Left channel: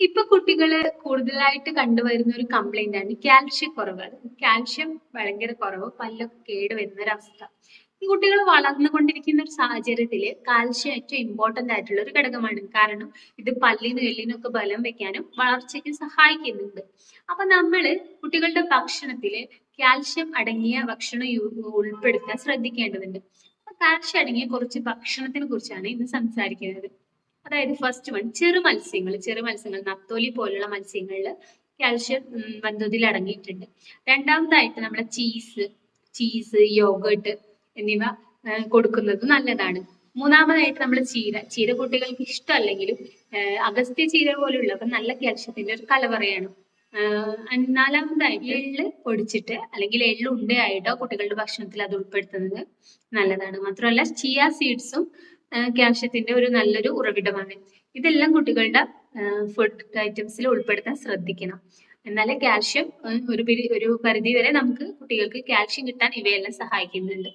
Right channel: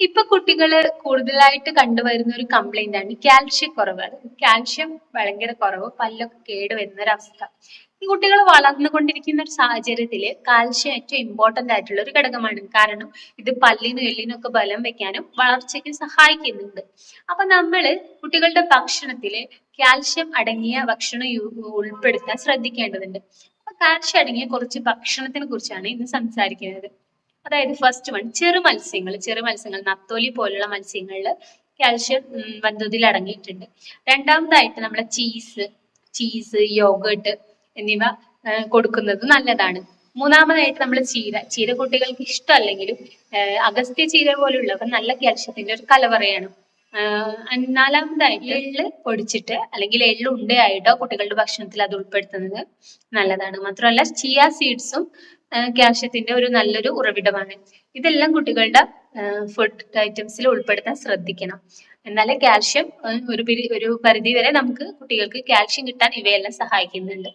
ഇപ്പൊ കുട്ടികൾ കൂടുതലായിട്ട് കണ്ടുവരുന്ന ഒരു കംപ്ലൈന്റ് ആണ് കാൽഷ്യം കുറവ് കാൽഷ്യം ഭയങ്കര കുറവ് പല്ലൊക്കെ കേട് വരുന്ന ഒരു അവസ്ഥ ഈ കുട്ടികൾ വളർന്നുകൊണ്ടിരിക്കുന്ന ഒരു സാഹചര്യത്തിൽ കാൽഷ്യം ഏറ്റവും ഇമ്പോർട്ടന്റ് ആയിട്ടുള്ള ഒരു ഘടകമാണ്. കാരണം ഇത് പല്ലിനും എല്ലിനും ഒക്കെ ബലം വെക്കാനും വളർച്ചയ്ക്ക് സഹായിക്കുന്നുണ്ട്. അപ്പൊ നമ്മൾ കുട്ടികളുടെ ഭക്ഷണത്തിൽ കാൽഷ്യം അടങ്ങിയ ഭക്ഷണം ഉൾപ്പെടുത്താൻ ശ്രദ്ധിക്കേണ്ടതുണ്ട്. അപ്പൊ കാൽഷ്യം അടങ്ങിയ കുറച്ച് ഭക്ഷണത്തിനെ കുറിച്ചാണ് ഇന്ന് സംസാരിക്കുന്നത്. അതായത് ഫസ്റ്റ് വൺ ചെറു മത്സ്യങ്ങൾ ചെറു മത്സ്യങ്ങൾ നത്തോലി പോലുള്ള മത്സ്യങ്ങളിൽ കാൽഷ്യം വന്തോതിൽ വൻതോതിൽ അടങ്ങിയിട്ടുണ്ട്. രണ്ടാമതായിട്ട് നമ്മളെ ചീസ് ചീസ് യോഗട്ട് എന്നിവ കൊടുക്കുന്നത് നല്ലതാണ്. മൂന്നാമതായിട്ട് നമ്മൾ ചീര ചീര കുട്ടികൾക്ക് ഇഷ്ടമല്ലെങ്കിലും അഗസ്ത്യ ചീര പോലുള്ളവ നല്ല കാൽഷ്യത്തിന്റെ ഒരു കലവറയാണ്. നാലാമതായിട്ട് എള്ള്? പൊടിച്ചിട്ട് അല്ലെങ്കിൽ എള്ള് ഉണ്ടയായിട്ടോ കുട്ടികളുടെ ഭക്ഷണത്തിൽ അത് ഉൾപ്പെടുത്തുന്നത് നല്ലതാണ്. മാത്രമല്ല ചിയ സീഡ്സും കാൽഷ്യത്തിന്റെ ഒരു നല്ലൊരു ഉറവിടമാണ്. ഇതെല്ലാം കുട്ടികളുടെ ഫുഡ് ഐറ്റംസിൽ ഉൾപ്പെടുത്താൻ ശ്രദ്ധിക്കണം. എന്നാലേ കാൽഷ്യം ഒരു ഒരു പരിധി വരെ നമുക്ക് കുട്ടികൾക്ക് കാൽഷ്യം കിട്ടാൻ ഇവയെല്ലാം സഹായിക്കുന്നുണ്ട്.